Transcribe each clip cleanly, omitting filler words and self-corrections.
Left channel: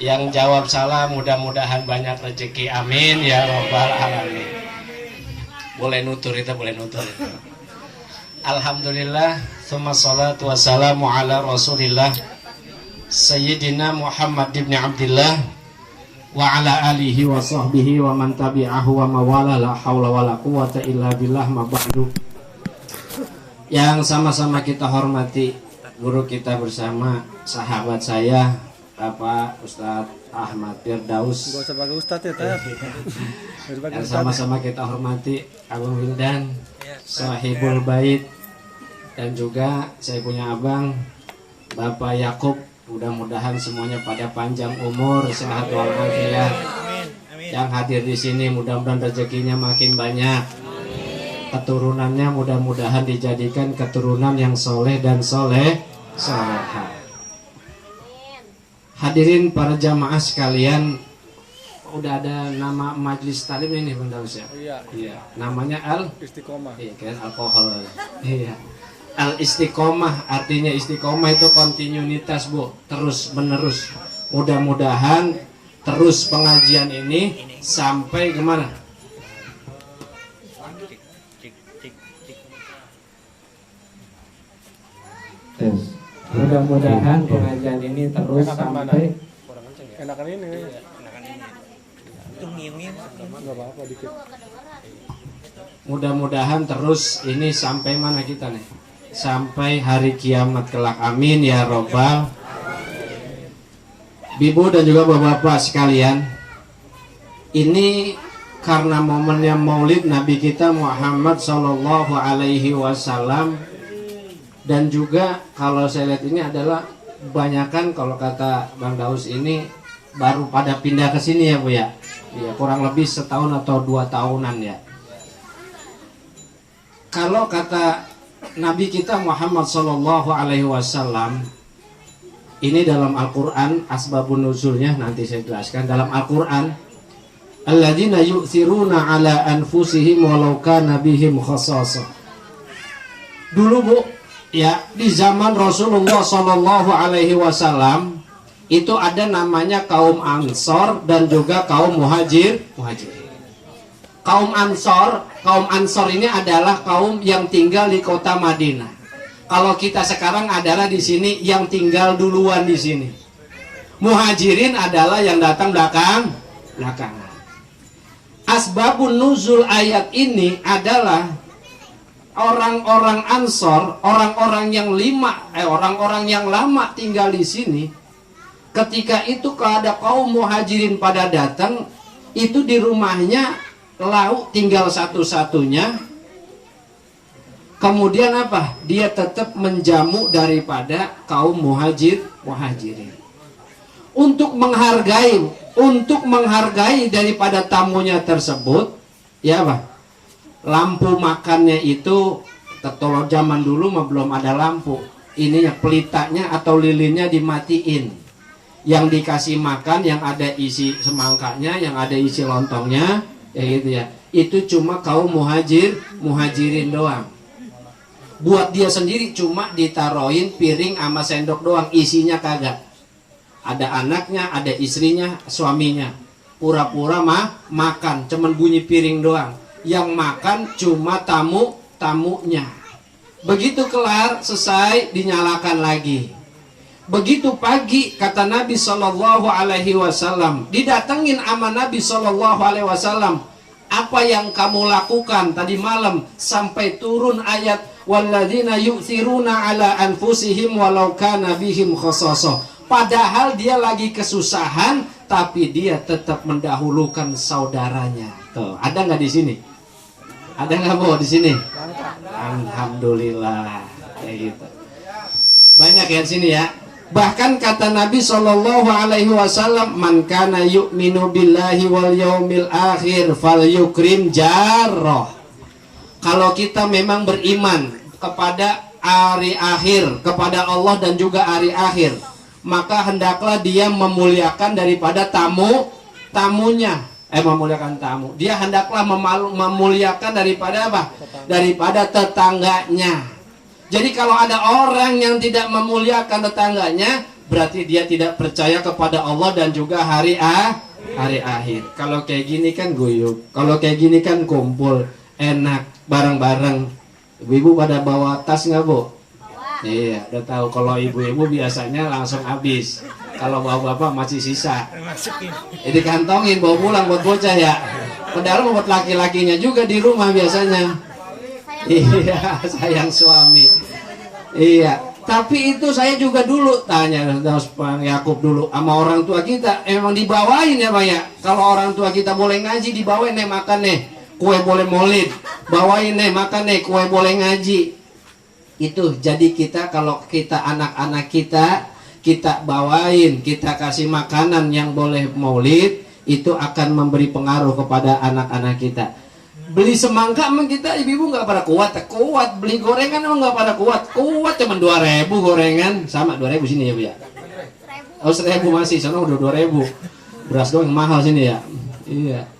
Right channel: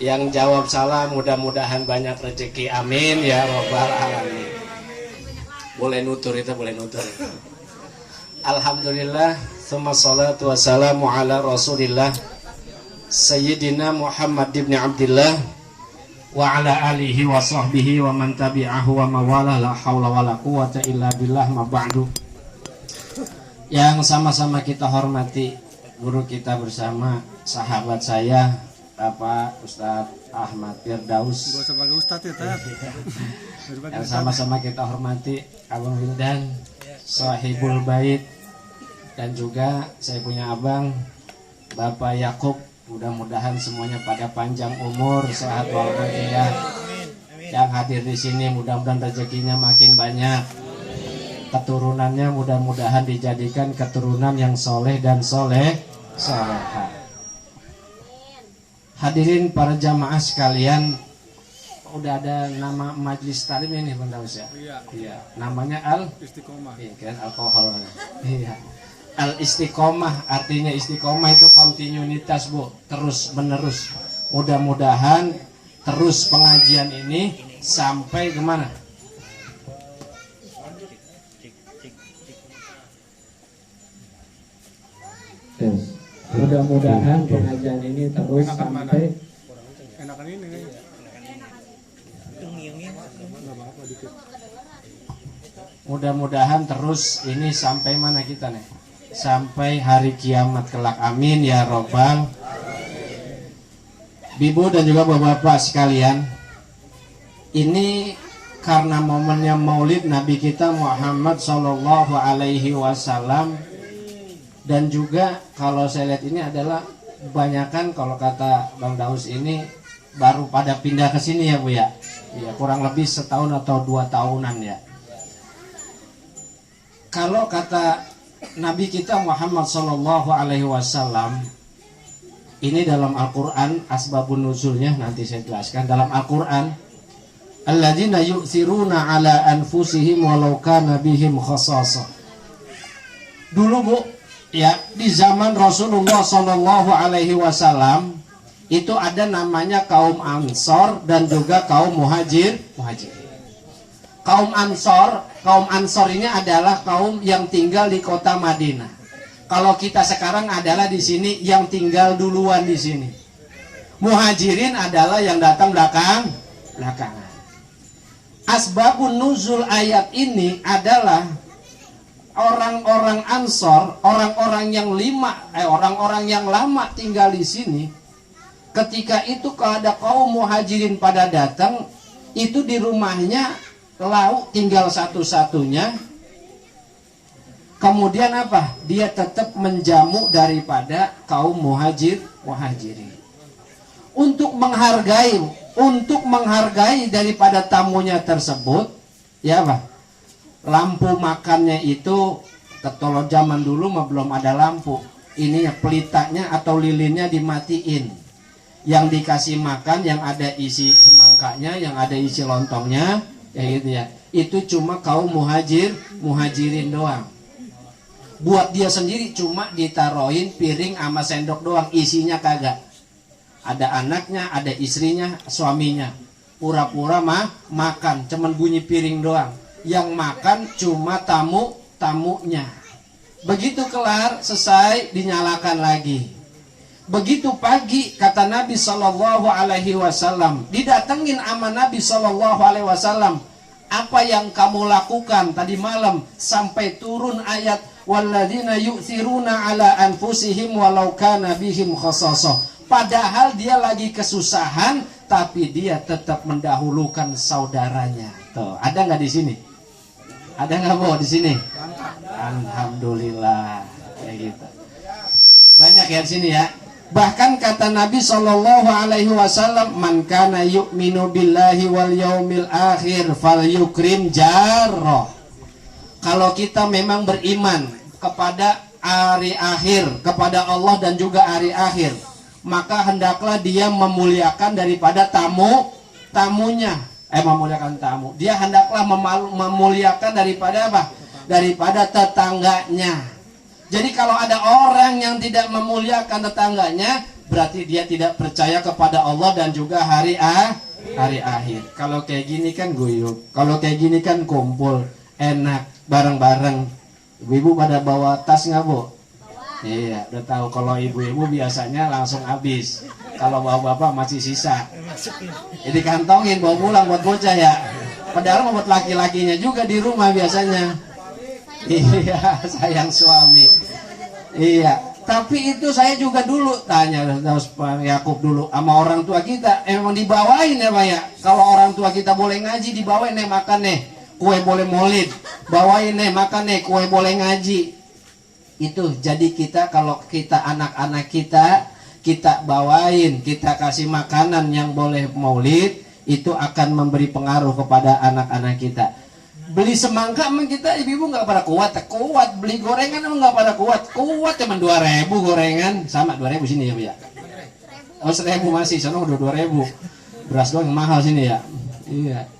Yang jawab salah mudah-mudahan banyak rezeki, amin ya robbal alamin. Boleh nutur itu, boleh nutur. Alhamdulillah, tsumma salatu wassalamu ala rasulillah Sayyidina Muhammad ibn Abdillah wa ala alihi wa sahbihi wa man tabi'ahu wa mawala, la hawla wa la quwata illa billah, ma ba'du. Yang sama-sama kita hormati guru kita bersama, sahabat saya Bapak Ustadz Ahmad Firdaus, yang sama-sama kita hormati Abang Wildan, Sahibul Bait, dan juga saya punya abang Bapak Yakub. Mudah-mudahan semuanya pada panjang umur, sehat walafiat. Yang hadir di sini mudah-mudahan rezekinya makin banyak, keturunannya mudah-mudahan dijadikan keturunan yang soleh dan soleha. Hadirin para jamaah sekalian, udah ada nama majelis talim ini Bang Daus ya? Iya. Namanya Al-Istiqomah. Iya kan, alkohol. Iya. Al-Istiqomah, artinya istiqomah itu kontinuitas Bu, terus menerus. Mudah-mudahan terus pengajian ini sampai kemana? Mudah-mudahan pengajian ini terus sampai mudah-mudahan terus ini sampai mana kita nih? Sampai hari kiamat kelak, amin ya robbal. Bibu dan juga bapak-bapak sekalian, ini karena momennya Maulid Nabi kita Muhammad Sallallahu Alaihi Wasallam. Dan juga kalau saya lihat ini adalah kebanyakan, kalau kata Bang Daus ini baru pada pindah ke sini ya Bu ya. Ya, kurang lebih setahun atau 2 tahunan ya. Kalau kata Nabi kita Muhammad Sallallahu Alaihi Wasallam, ini dalam Al-Quran, asbabun nuzulnya nanti saya jelaskan dalam Al-Quran. Alladzina yu'thiruna ala anfusihim walau kana bihim khassasah. Dulu Bu, ya, di zaman Rasulullah Shallallahu Alaihi Wasallam itu ada namanya kaum Ansor dan juga kaum Muhajir. Kaum Ansor ini adalah kaum yang tinggal di kota Madinah. Kalau kita sekarang adalah di sini yang tinggal duluan di sini. Muhajirin adalah yang datang belakangan. Asbabun nuzul ayat ini adalah orang-orang Ansor, orang-orang yang lama tinggal di sini. Ketika itu kalau ada kaum Muhajirin pada datang, itu di rumahnya lauk tinggal satu-satunya. Kemudian apa? Dia tetap menjamu daripada kaum Muhajirin. Untuk menghargai daripada tamunya tersebut, ya Pak. Lampu makannya itu, kalau zaman dulu mah belum ada lampu, ini pelitanya atau lilinnya dimatiin. Yang dikasih makan yang ada isi semangkanya, yang ada isi lontongnya, ya gitu ya. Itu cuma kaum muhajirin doang. Buat dia sendiri cuma ditaruhin piring sama sendok doang, isinya kagak. Ada anaknya, ada istrinya, suaminya. Pura-pura makan, cuman bunyi piring doang. Yang makan cuma tamunya. Begitu kelar, selesai, dinyalakan lagi. Begitu pagi, kata Nabi Sallallahu Alaihi Wasallam, didatengin sama Nabi Sallallahu Alaihi Wasallam, apa yang kamu lakukan tadi malam sampai turun ayat walladzina yu'thiruna ala anfusihim walau kana bihim khassasah. Padahal dia lagi kesusahan, tapi dia tetap mendahulukan saudaranya. Tuh, ada nggak di sini? Ada nggak Bu di sini? Alhamdulillah, kayak gitu. Banyak ya di sini ya. Bahkan kata Nabi Shallallahu Alaihi Wasallam, man kana yu'minu billahi wal yaumil akhir falyukrim jarrah. Kalau kita memang beriman kepada hari akhir, kepada Allah dan juga hari akhir, maka hendaklah dia memuliakan daripada tamunya. Memuliakan tamu. Dia hendaklah memuliakan daripada apa? Daripada tetangganya. Jadi kalau ada orang yang tidak memuliakan tetangganya, berarti dia tidak percaya kepada Allah dan juga hari akhir. Kalau kayak gini kan guyup, kalau kayak gini kan kumpul, enak, bareng-bareng. Ibu-ibu pada bawa tas nggak, Bu? Iya, udah tahu. Kalau ibu-ibu biasanya langsung habis. Kalau bapak-bapak masih sisa. Jadi kantongin bawa pulang buat bocah ya. Padahal buat laki-lakinya juga di rumah biasanya. Iya, sayang suami. Iya, tapi itu saya juga dulu tanya Pak Yakub dulu sama orang tua kita, emang dibawain ya Pak ya? Kalau orang tua kita boleh ngaji, dibawain nih makan nih, kue boleh maulid, bawain nih makan nih, kue boleh ngaji. Itu jadi kita kalau kita anak-anak kita bawain, kita kasih makanan yang boleh maulid, itu akan memberi pengaruh kepada anak-anak kita. Beli semangka emang kita ibu-ibu nggak pada kuat, beli gorengan emang nggak pada kuat cuma 2.000 gorengan, sama 2.000 sini ya Bu ya. Oh 1.000 masih, sana udah 2.000. Beras doang yang mahal sini ya. Iya.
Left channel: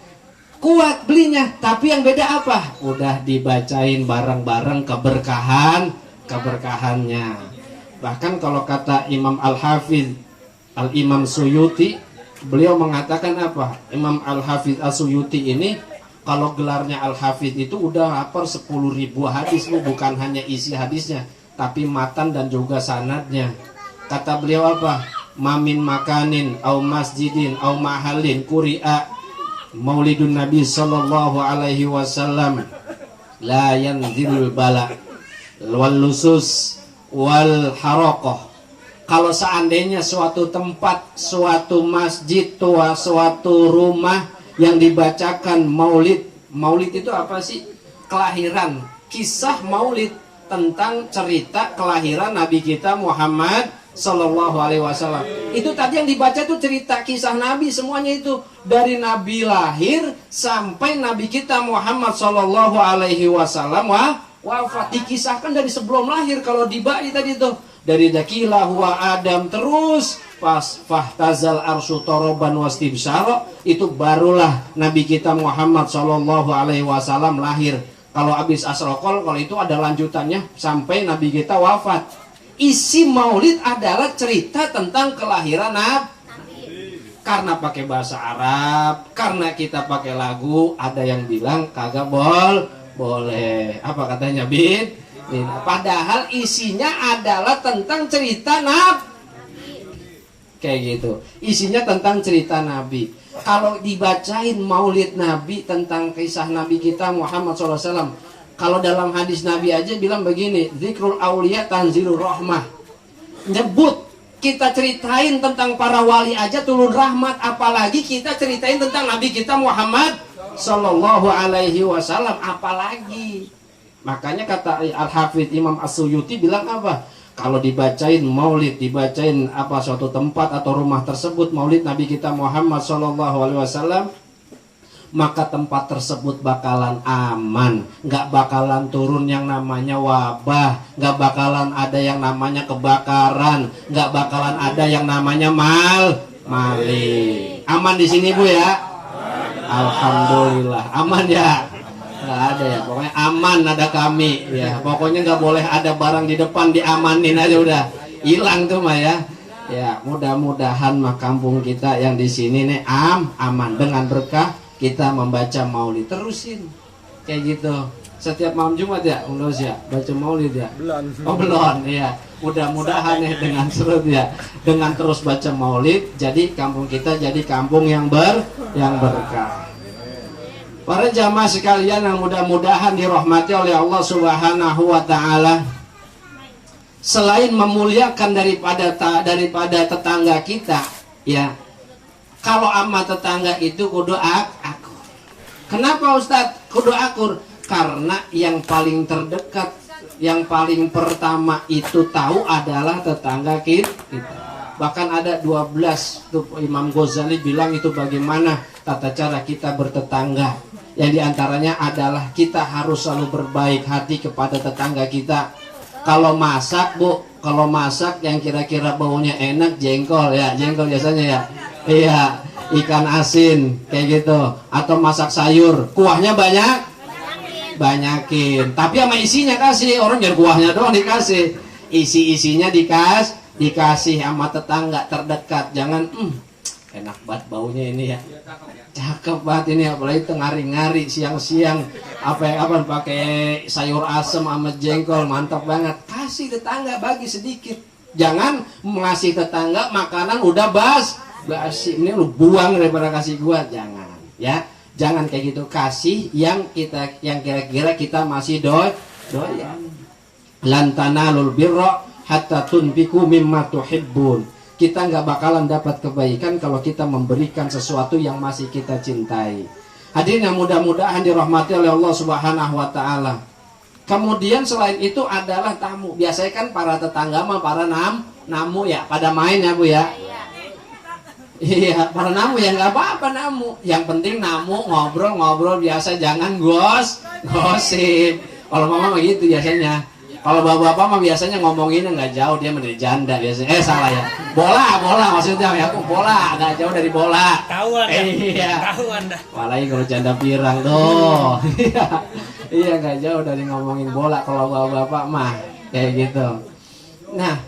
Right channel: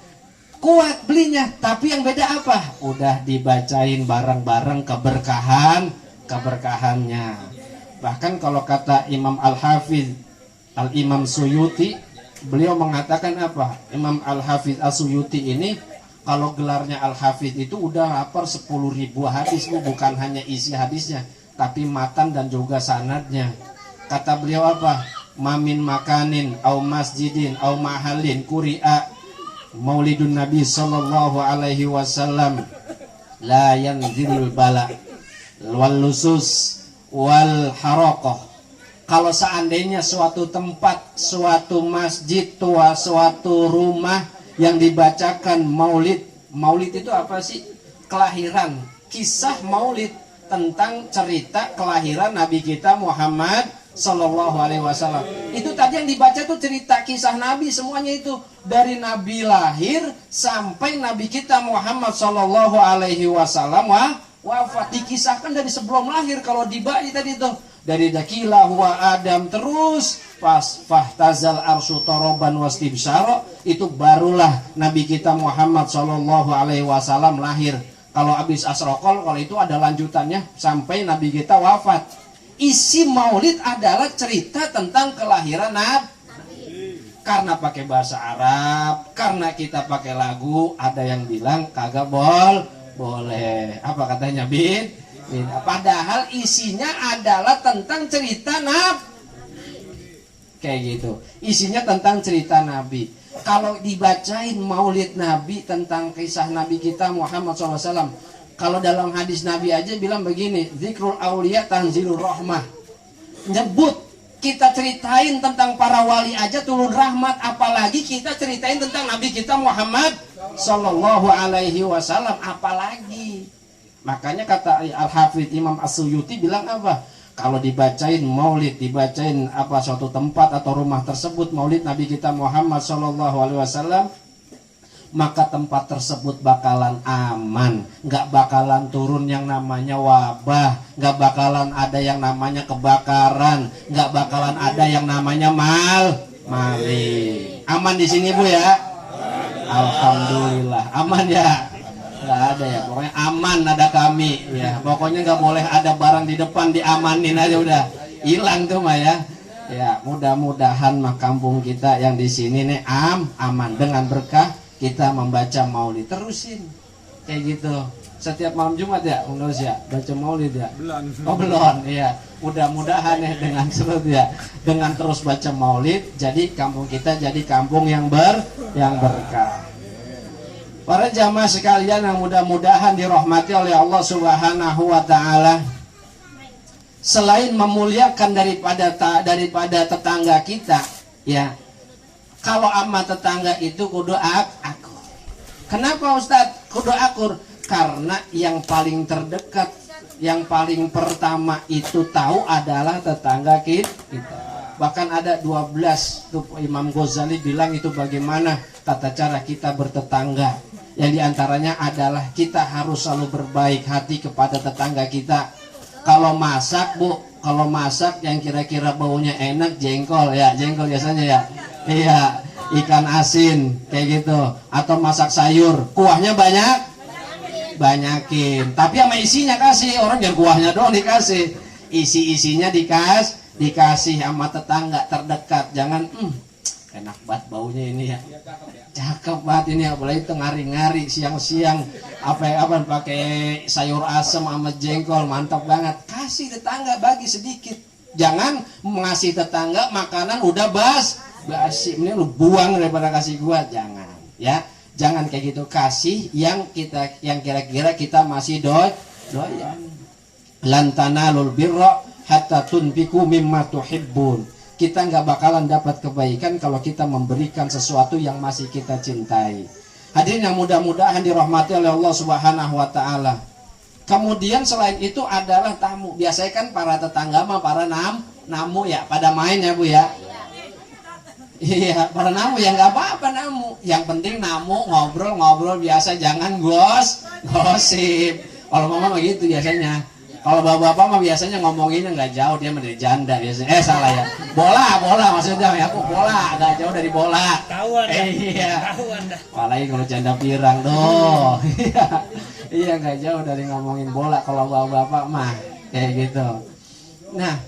Kuat belinya, tapi yang beda apa? Udah dibacain bareng-bareng keberkahannya. Bahkan kalau kata Imam Al-Hafiz Al-Imam Suyuti, beliau mengatakan apa? Imam Al-Hafiz As-Suyuti ini kalau gelarnya Al-Hafidh itu udah hafal 10.000 hadis, bukan hanya isi hadisnya, tapi matan dan juga sanadnya. Kata beliau apa? Mamin makanin, au masjidin, au mahalin, kuri'a maulidun Nabi sallallahu alaihi wasallam, la yanzilul bala, wal lusus, wal harokoh. Kalau seandainya suatu tempat, suatu masjid, suatu rumah yang dibacakan maulid itu apa sih? Kelahiran, kisah maulid tentang cerita kelahiran Nabi kita Muhammad Sallallahu Alaihi Wasallam. Itu tadi yang dibaca itu cerita kisah Nabi, semuanya itu dari Nabi lahir sampai Nabi kita Muhammad Sallallahu Alaihi Wasallam wafat, dikisahkan dari sebelum lahir. Kalau dibaca tadi itu dari dakilah huwa Adam terus pas fahtazal arsyu toroban wastibsara, itu barulah Nabi kita Muhammad sallallahu alaihi wasallam lahir. Kalau habis asrokol, kalau itu ada lanjutannya sampai Nabi kita wafat. Isi maulid adalah cerita tentang kelahiran Nabi. Karena pakai bahasa Arab, karena kita pakai lagu, ada yang bilang kagak boleh. Apa katanya Bin? Padahal isinya adalah tentang cerita Nabi. Kayak gitu, isinya tentang cerita Nabi. Kalau dibacain maulid Nabi tentang kisah Nabi kita Muhammad SAW, kalau dalam hadis Nabi aja bilang begini, zikrul auliya tanzilur rahmah. Nyebut, kita ceritain tentang para wali aja turun rahmat, apalagi kita ceritain tentang Nabi kita Muhammad Sallallahu Alaihi Wasallam, apalagi. Makanya kata Al-Hafidh Imam As-Suyuti bilang apa? Kalau dibacain maulid, dibacain apa suatu tempat atau rumah tersebut maulid Nabi kita Muhammad SAW, maka tempat tersebut bakalan aman, nggak bakalan turun yang namanya wabah, nggak bakalan ada yang namanya kebakaran, nggak bakalan ada yang namanya maling. Aman di sini Bu ya? Alhamdulillah, aman ya. Nggak ada ya, pokoknya aman ada kami ya, pokoknya nggak boleh ada barang di depan, diamanin aja udah hilang tuh mah ya. Ya mudah-mudahan mah kampung kita yang di sini nih aman dengan berkah kita membaca maulid. Terusin kayak gitu setiap malam Jumat ya, ya baca maulid ya. Belum ya, mudah-mudahan ya dengan terus baca maulid, jadi kampung kita jadi kampung yang berkah. Para jamaah sekalian yang mudah-mudahan dirahmati oleh Allah Subhanahu wa taala. Selain memuliakan daripada tetangga kita, ya. Kalau ama tetangga itu kudu akur. Kenapa Ustaz kudu akur? Karena yang paling terdekat, yang paling pertama itu tahu adalah tetangga kita. Bahkan ada 12 tuh Imam Ghazali bilang itu bagaimana tata cara kita bertetangga. Yang diantaranya adalah kita harus selalu berbaik hati kepada tetangga kita. Kalau masak Bu, kalau masak yang kira-kira baunya enak, jengkol biasanya ya. Iya, ikan asin kayak gitu. Atau masak sayur, kuahnya banyakin. Tapi sama isinya kasih, orang biar kuahnya doang dikasih. Isinya dikasih sama tetangga terdekat, jangan enak banget baunya ini ya, cakep banget ini, apalagi ngari-ngari siang-siang apa pakai sayur asem sama jengkol, mantap banget. Kasih tetangga, bagi sedikit. Jangan ngasih tetangga makanan udah basi, ini lu buang daripada kasih gua, jangan ya. Jangan kayak gitu, kasih yang kira-kira kita masih doyan. Lan tanalul birra hatta tunfiqu mimma tuhibbun. Kita nggak bakalan dapat kebaikan kalau kita memberikan sesuatu yang masih kita cintai. Hadirin yang mudah-mudahan dirahmati oleh Allah Subhanahu wa taala. Kemudian selain itu adalah tamu. Biasanya kan para tetangga mah para namu ya, pada main ya Bu ya. Iya, para namu ya nggak apa-apa namu. Yang penting namu ngobrol biasa, jangan gosip. Kalau mama mah gitu biasanya. Kalau bapak-bapak mah biasanya ngomonginnya nggak jauh, dia menjadi janda biasanya. Salah ya. Bola maksudnya ya, aku bola, nggak jauh dari bola. Tahuan iya. Tahuan dah. Apalagi kalau janda pirang doh. Iya, nggak jauh dari ngomongin bola kalau bapak-bapak mah kayak gitu. Nah,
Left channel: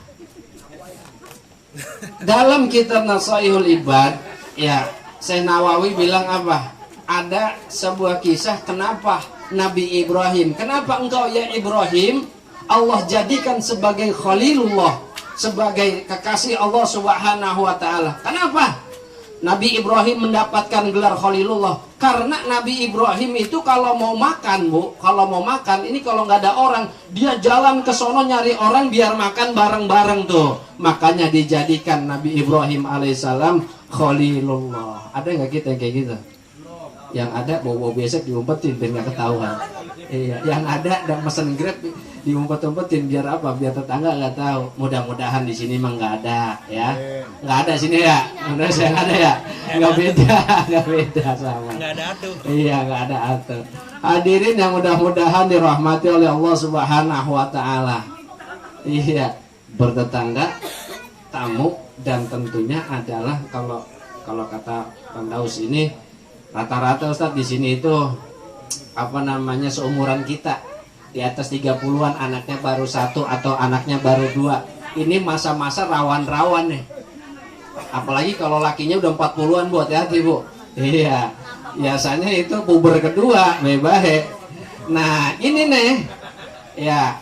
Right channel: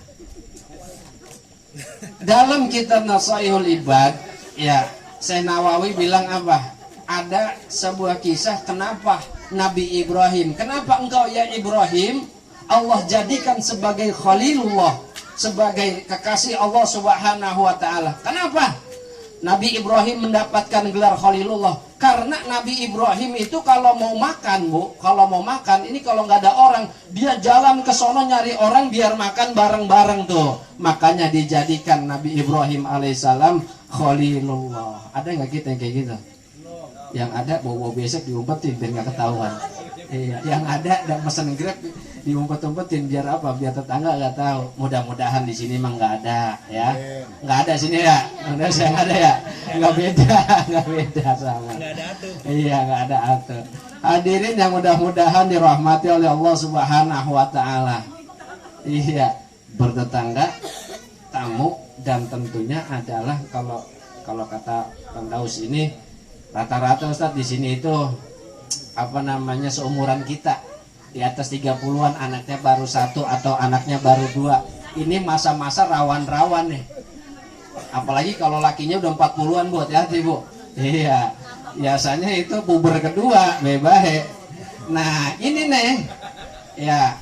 dalam kitab Nasaihul Ibad ya, Syekh Nawawi bilang apa? Ada sebuah kisah kenapa Nabi Ibrahim, kenapa engkau ya Ibrahim Allah jadikan sebagai Khalilullah, sebagai kekasih Allah Subhanahu wa taala. Kenapa Nabi Ibrahim mendapatkan gelar Khalilullah? Karena Nabi Ibrahim itu kalau mau makan Bu, kalau mau makan ini kalau nggak ada orang, dia jalan ke sono nyari orang biar makan bareng-bareng tuh. Makanya dijadikan Nabi Ibrahim alaihissalam Khalilullah. Ada nggak kita yang kayak gitu? Yang ada bawa besek diumpetin biar nggak ketahuan. Iya, yang ada dan pesan Grab diumpet-umpetin biar apa? Biar tetangga nggak tahu. Mudah-mudahan di sini mah nggak ada ya. Nggak ada sini ya. Mudah saya ada ya. Nggak beda selama. Nggak ada atuh. Iya, nggak ada atuh. Hadirin yang mudah-mudahan dirahmati oleh Allah Subhanahu wa taala. Iya, bertetangga, tamu, dan tentunya adalah kalau kata Kang Daus ini rata-rata Ustaz di sini itu seumuran kita, di atas 30-an, anaknya baru 1 atau anaknya baru 2. Ini masa-masa rawan-rawan nih. Apalagi kalau lakinya udah 40-an Bu, hati-hati Bu. Iya, biasanya itu puber kedua, bebahe. Nah ini nih ya.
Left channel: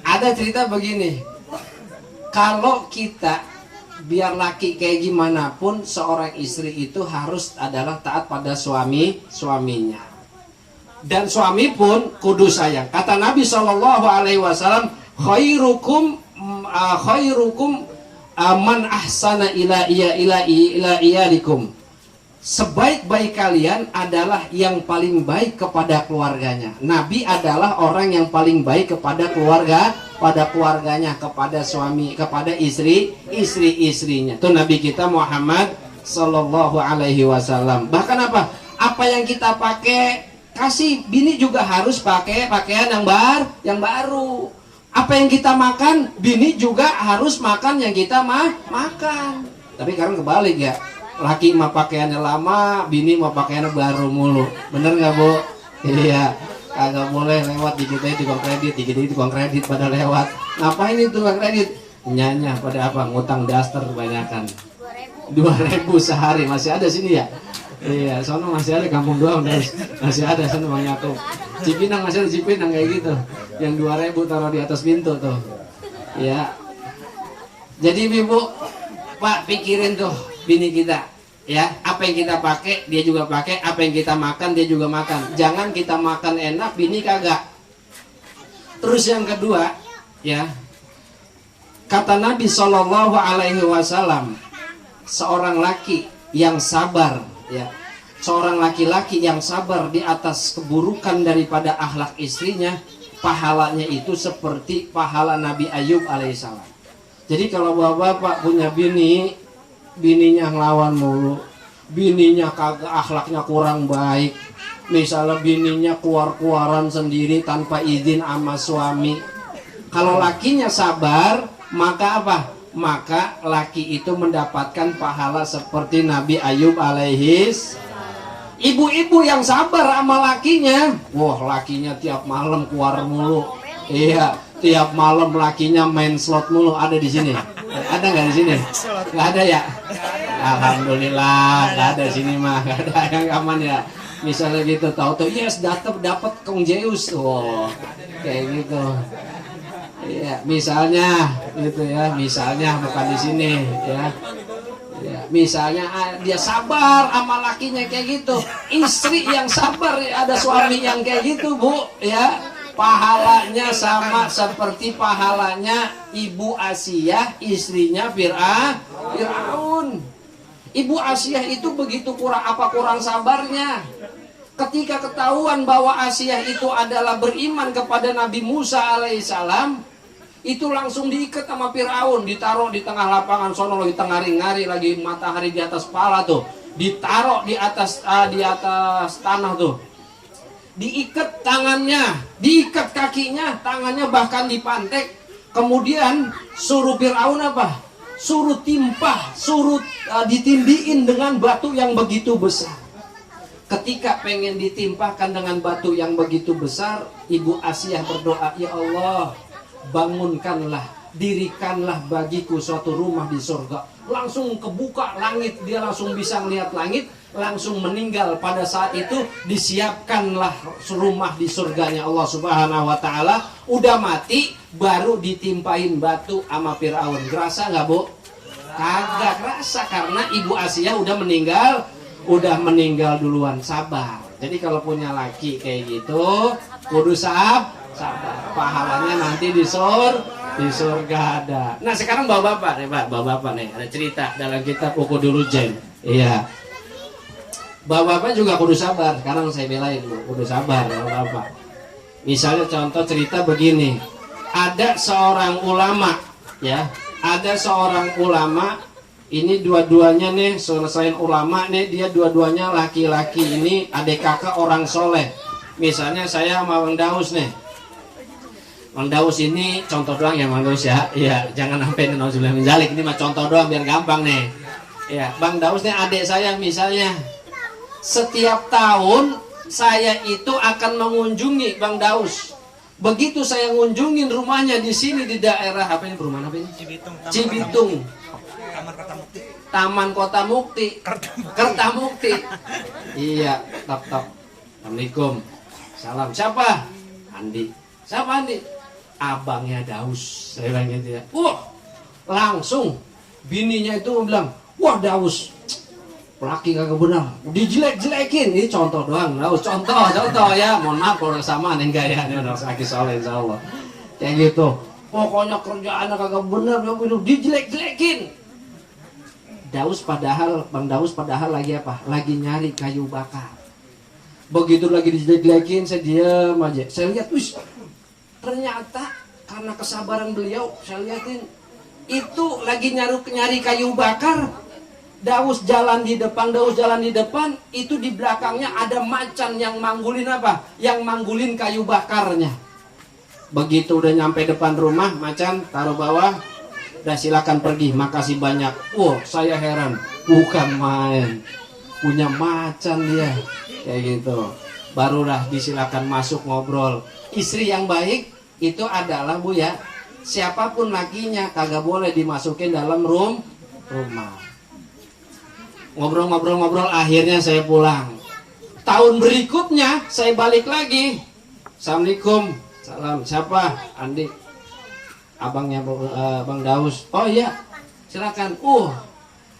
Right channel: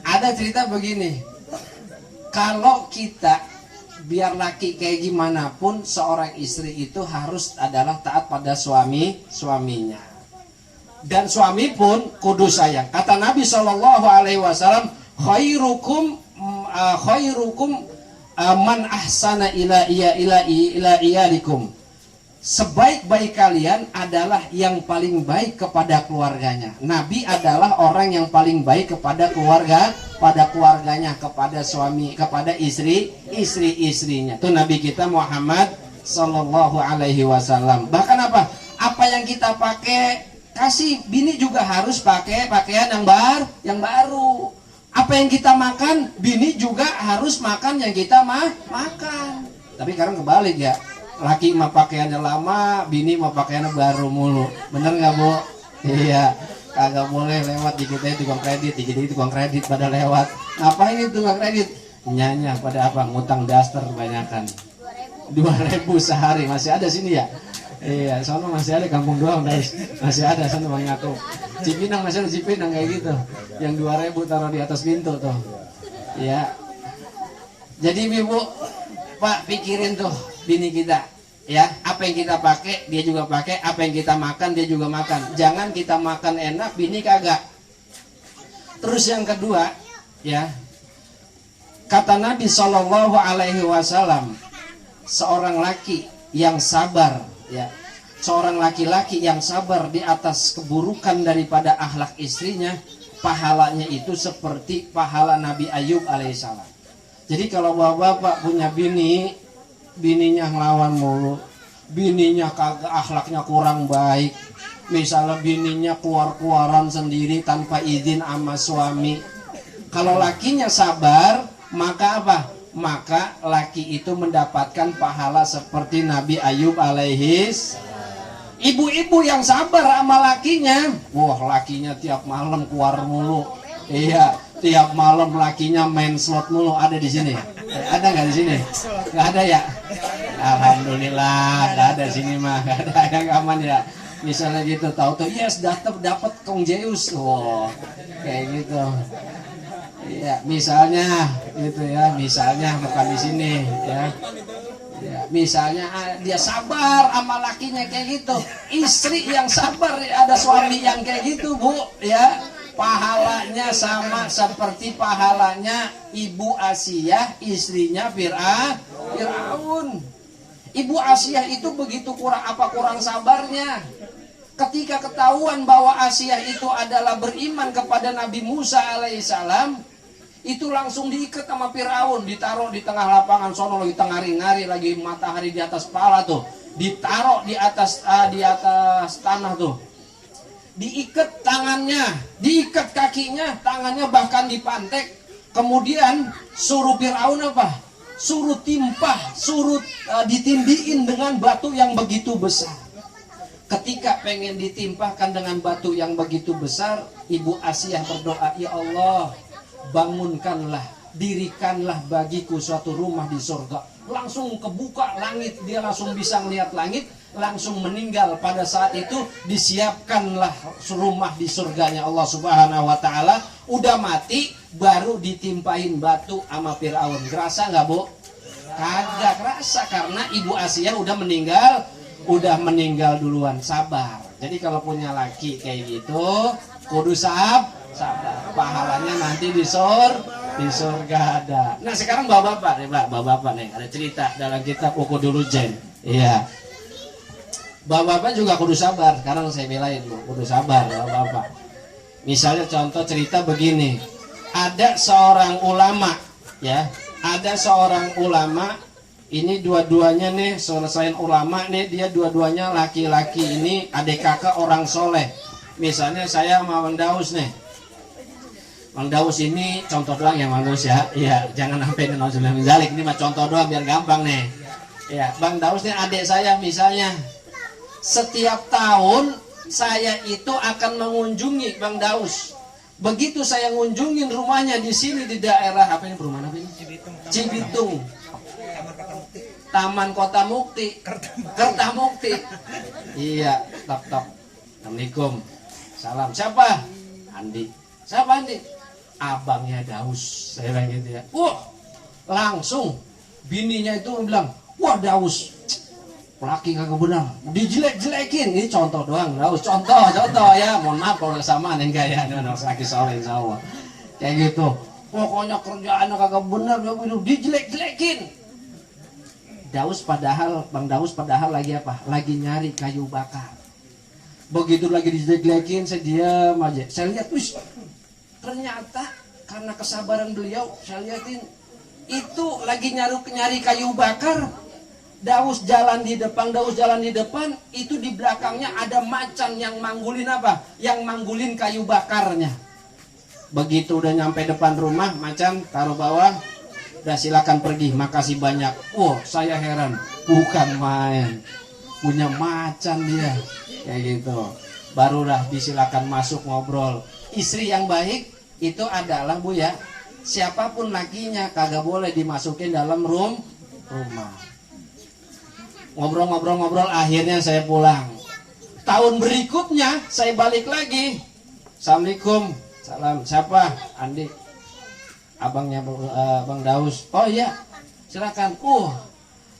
Ada cerita begini, kalau kita biar laki kayak gimana pun, seorang istri itu harus adalah taat pada suaminya. Dan suami pun kudu sayang. Kata Nabi SAW, khairukum man ahsana ila iyalikum. Sebaik-baik kalian adalah yang paling baik kepada keluarganya. Nabi adalah orang yang paling baik kepada keluarganya, kepada suami, kepada istri-istrinya. Itu Nabi kita Muhammad sallallahu alaihi wasallam. Bahkan apa yang kita pakai, kasih bini juga harus pakai pakaian yang baru. Apa yang kita makan, bini juga harus makan yang kita makan. Tapi sekarang kebalik ya. Laki mah pakaiannya lama, bini mah pakaiannya baru mulu. Bener nggak Bu? Iya, kagak boleh lewat dikit-dikit tukang kredit pada lewat. Ngapain itu tukang kredit? Nyanya pada apa? Ngutang daster kebanyakan. 2.000 sehari, masih ada sini ya? Iya, sono masih ada, kampung doang masih ada sono Bang Yakub. Cipinang masih ada Cipinang kayak gitu. Yang 2.000 taruh di atas pintu tuh. Ya. Jadi Ibu, Pak pikirin tuh bini kita ya, apa yang kita pakai dia juga pakai, apa yang kita makan dia juga makan. Jangan kita makan enak bini kagak. Terus yang kedua ya, kata Nabi Shallallahu Alaihi Wasallam, seorang laki yang sabar ya, seorang laki-laki yang sabar di atas keburukan daripada akhlak istrinya, pahalanya itu seperti pahala Nabi Ayub alaihissalam. Jadi kalau bapak punya bininya ngelawan mulu, bininya kagak, akhlaknya kurang baik, misalnya bininya keluar-keluaran sendiri tanpa izin sama suami, kalau lakinya sabar, maka apa? Maka laki itu mendapatkan pahala seperti Nabi Ayub alaihis. Ibu-ibu yang sabar sama lakinya, wah lakinya tiap malam keluar mulu, iya, tiap malam lakinya main slot mulu. Ada di sini? Ada nggak di sini? Nggak ada ya? Alhamdulillah, nggak ada sini mah, nggak ada yang aman ya. Misalnya gitu, tahu-tahu yes dapat Kong Zeus, oh kayak gitu. Ya, misalnya gitu ya, misalnya bukan di sini ya. Ya, misalnya dia sabar sama lakinya kayak gitu. Istri yang sabar ada suami yang kayak gitu, Bu, ya. Pahalanya sama seperti pahalanya Ibu Asiyah, istrinya Fir'aun. Ibu Asiyah itu begitu kurang sabarnya. Ketika ketahuan bahwa Asiyah itu adalah beriman kepada Nabi Musa alaihissalam, itu langsung diikat sama Fir'aun, ditaruh di tengah lapangan sono, lagi tengah-ngari, lagi matahari di atas kepala tuh, ditaruh di atas tanah tuh, diikat tangannya, diikat kakinya, tangannya bahkan dipantek. Kemudian suruh Fir'aun apa? Suruh timpah, suruh ditindiin dengan batu yang begitu besar. Ketika pengen ditimpahkan dengan batu yang begitu besar, Ibu Asiyah berdoa, ya Allah, bangunkanlah, dirikanlah bagiku suatu rumah di surga. Langsung kebuka langit, dia langsung bisa melihat langit, langsung meninggal. Pada saat itu disiapkanlah rumah di surganya Allah Subhanahu wa taala. Udah mati baru ditimpain batu sama Fir'aun. Kerasa nggak, Bu? Kagak kerasa, karena Ibu Asiyah udah meninggal duluan. Sabar. Jadi kalau punya laki kayak gitu, kudu sabar. Pahalanya nanti di surga ada. Nah, sekarang bapak-bapak nih, Pak, bapak-bapak nih, ada cerita dalam kitab Ukudul Ujain. Iya. Bapak-bapak juga kudu sabar. Sekarang saya belain dulu, kudu sabar bapak-bapak. Misalnya contoh cerita begini. Ada seorang ulama, ya. Ada seorang ulama, ini dua-duanya nih, selain ulama nih, dia dua-duanya laki-laki, ini adik kakak orang soleh. Misalnya saya sama Bang Daus nih. Bang Daus ini contoh doang ya Bang Daus ya. Iya, jangan sampai nauzubillah min dzalik, ini mah contoh doang biar gampang nih. Ya, Bang Daus nih adik saya misalnya. Setiap tahun saya itu akan mengunjungi Bang Daus. Begitu saya ngunjungin rumahnya di sini di daerah apa ini, perumahan apa ini? Cibitung. Taman Kota Mukti. Kertamukti. Iya, tap. Assalamualaikum. Salam. Siapa? Andi. Siapa Andi? Abangnya Daus. Saya bilang gitu ya. Langsung bininya itu bilang, wah Daus, laki kagak benar, dijelek-jelekin. Ini contoh doang, Daus, contoh ya. Mohon maaf kalau sama nih enggak ya, ini anak laki soleh insyaallah. Kayak gitu. Pokoknya kerjaannya kagak benar, dijelek-jelekin. Bang Daus padahal lagi apa? Lagi nyari kayu bakar. Begitu lagi dijelek-jelekin, saya diam aja. Saya lihat, ternyata karena kesabaran beliau, saya lihatin itu lagi nyari kayu bakar. Daus jalan di depan, itu di belakangnya ada macan yang manggulin apa? Yang manggulin kayu bakarnya. Begitu udah nyampe depan rumah, macan taruh bawah, udah silakan pergi, makasih banyak. Saya heran, bukan main, punya macan dia, kayak gitu. Barulah disilakan masuk ngobrol. Istri yang baik itu adalah, Bu ya, siapapun lakinya kagak boleh dimasukin dalam rumah. Ngobrol, akhirnya saya pulang. Tahun berikutnya saya balik lagi. Assalamualaikum. Salam. Siapa? Andi. Abangnya Bang Daus. Oh iya, silakan.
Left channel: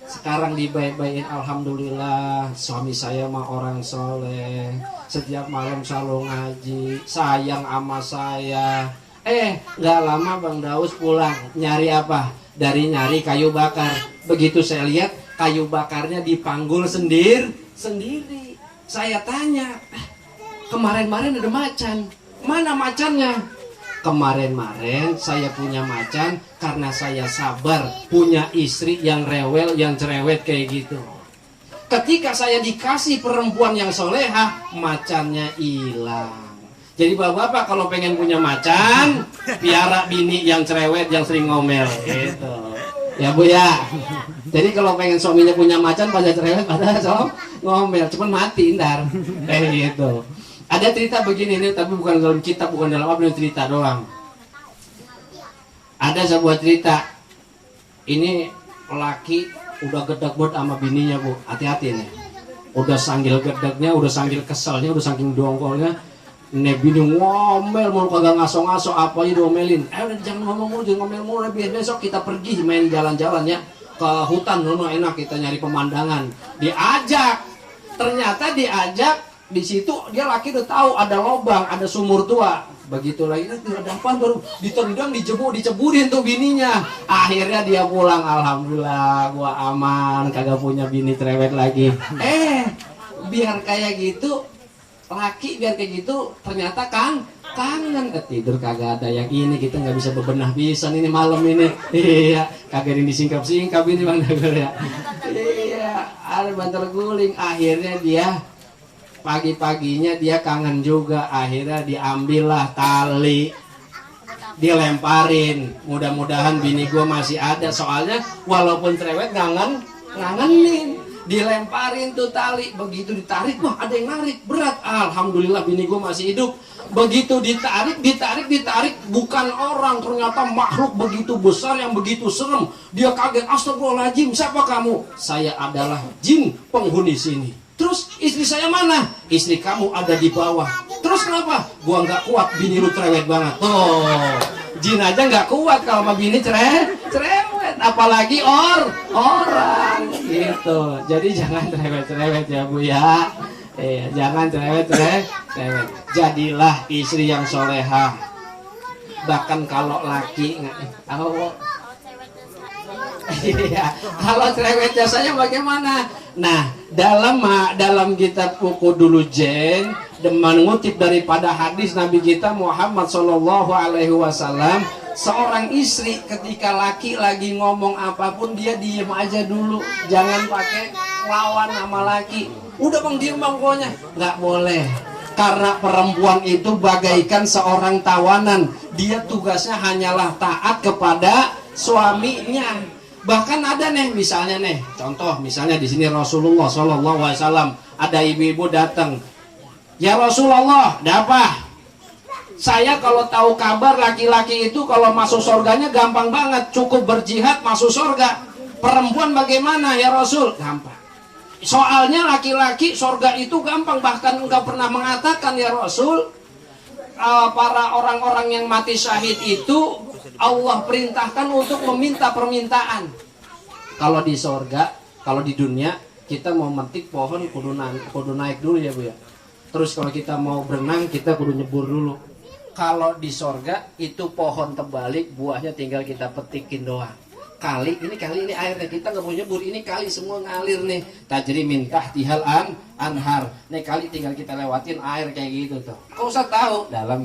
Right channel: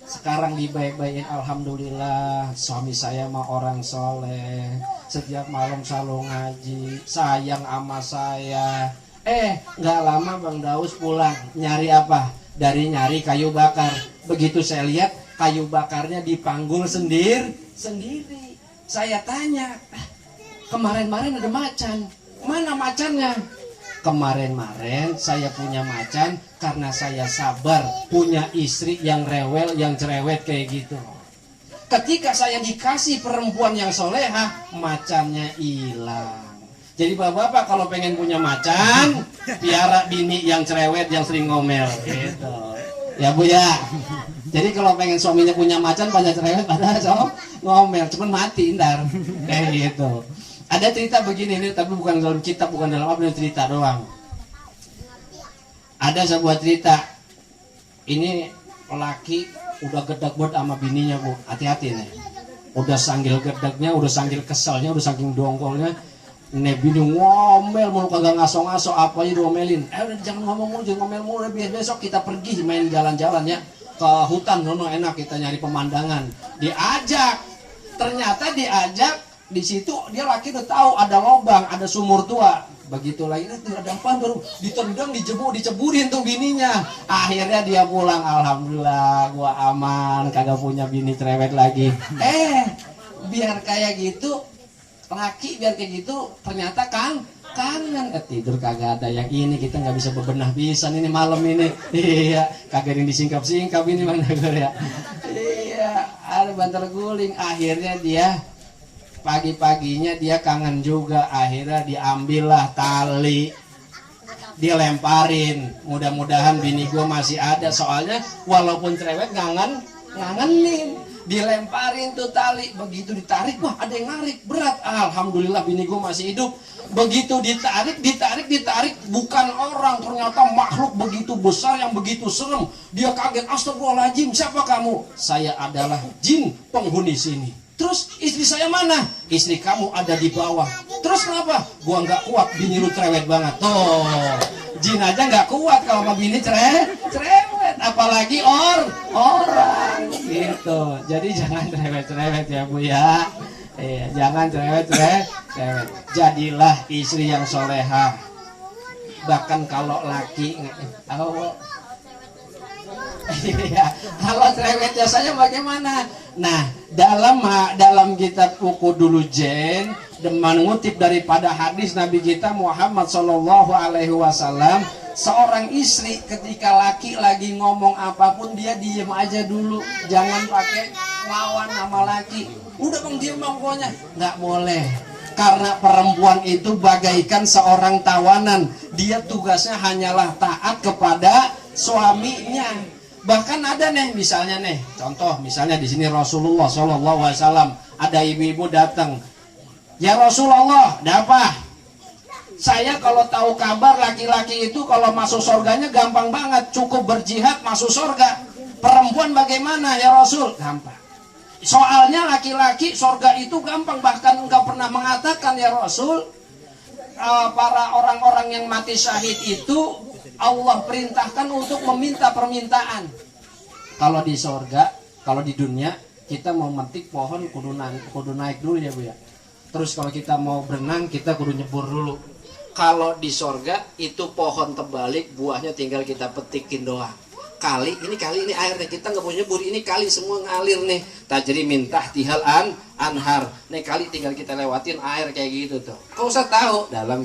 Sekarang dibaik-baikin, alhamdulillah. Suami saya mah orang soleh, setiap malam selalu ngaji, sayang sama saya. Nggak lama Bang Daus pulang. Nyari apa? Nyari kayu bakar. Begitu saya lihat, kayu bakarnya dipanggul sendiri. Saya tanya, kemarin-marin ada macan, mana macannya? Kemarin-marin saya punya macan karena saya sabar punya istri yang rewel, yang cerewet kayak gitu. Ketika saya dikasih perempuan yang soleha, macannya hilang. Jadi bapak-bapak kalau pengen punya macan, piara bini yang cerewet, yang sering ngomel gitu. Ya Bu ya. Jadi kalau pengen suaminya punya macan pada cerewet, pada ngomel, cuman mati ntar. Kayak gitu. Ada cerita begini nih, tapi bukan dalam kitab, bukan dalam apa, cerita doang. Ada sebuah cerita, ini laki udah gedek banget sama bininya bu, hati-hati nih. Udah sanggil gedeknya, udah sanggil keselnya, udah saking dongkolnya. Nek bini ngomel mau kagak ngaso-ngaso apa aja diomelin. Udah jangan ngomong mulu, jangan ngomel mulu. Besok kita pergi main jalan-jalan ya ke hutan, enak kita nyari pemandangan. Diajak, ternyata diajak di situ dia laki udah tahu ada lobang, ada sumur tua. Begitu lagi ada apa baru ditendang, diceburin tuh bininya. Akhirnya dia pulang, alhamdulillah gua aman, kagak punya bini cerewet lagi. Biar kayak gitu laki, biar kayak gitu ternyata kangen tidur kagak ada yang ini, kita nggak bisa bebenah pisan ini malam ini. Iya, kagak yang disingkap-singkap ini Bang Dagur ya. Iya, ada banter guling. Akhirnya dia pagi-paginya dia kangen juga, akhirnya diambillah tali, dilemparin. Mudah-mudahan bini gue masih ada, soalnya walaupun cerewet ngangenin. Dilemparin tuh tali, begitu ditarik, wah ada yang narik, berat. Alhamdulillah bini gue masih hidup. Begitu ditarik, bukan orang, ternyata makhluk begitu besar yang begitu serem. Dia kaget, astagfirullahaladzim, siapa kamu? Saya adalah jin penghuni sini. Terus istri saya mana? Istri kamu ada di bawah. Terus kenapa? Gua nggak kuat, bini lu cerewet banget. Tuh, jin aja nggak kuat kalau sama bini cerewet, apalagi orang gitu. Jadi jangan cerewet ya bu ya. Jangan cerewet. Jadilah istri yang soleha. Bahkan kalau laki kalau cerewet jasanya bagaimana? Nah, dalam kitab Buku Dulu Jen mengutip daripada hadis Nabi kita Muhammad Shallallahu Alaihi Wasallam, seorang istri ketika laki lagi ngomong apapun dia diem aja dulu, jangan pakai lawan sama laki. Udah bang diem bang, pokoknya nggak boleh. Karena perempuan itu bagaikan seorang tawanan, dia tugasnya hanyalah taat kepada suaminya. Bahkan ada nih, misalnya nih, contoh misalnya di sini Rasulullah SAW, ada ibu-ibu datang, ya Rasulullah, ada apa? Saya kalau tahu kabar laki-laki itu kalau masuk surganya gampang banget, cukup berjihad masuk surga. Perempuan bagaimana ya Rasul? Gampang. Soalnya laki-laki surga itu gampang, bahkan enggak pernah mengatakan ya Rasul, para orang-orang yang mati syahid itu Allah perintahkan untuk meminta permintaan. Kalau di surga, kalau di dunia kita mau metik pohon kudu naik dulu ya bu ya. Terus kalau kita mau berenang kita kudu nyebur dulu. Kalau di surga itu pohon terbalik, buahnya tinggal kita petikin doang. Kali ini airnya kita nggak mau nyebur, ini kali semua ngalir nih. Tajri minta tihal anhar. Nih kali tinggal kita lewatin air kayak gitu tuh. Kau usah tahu dalam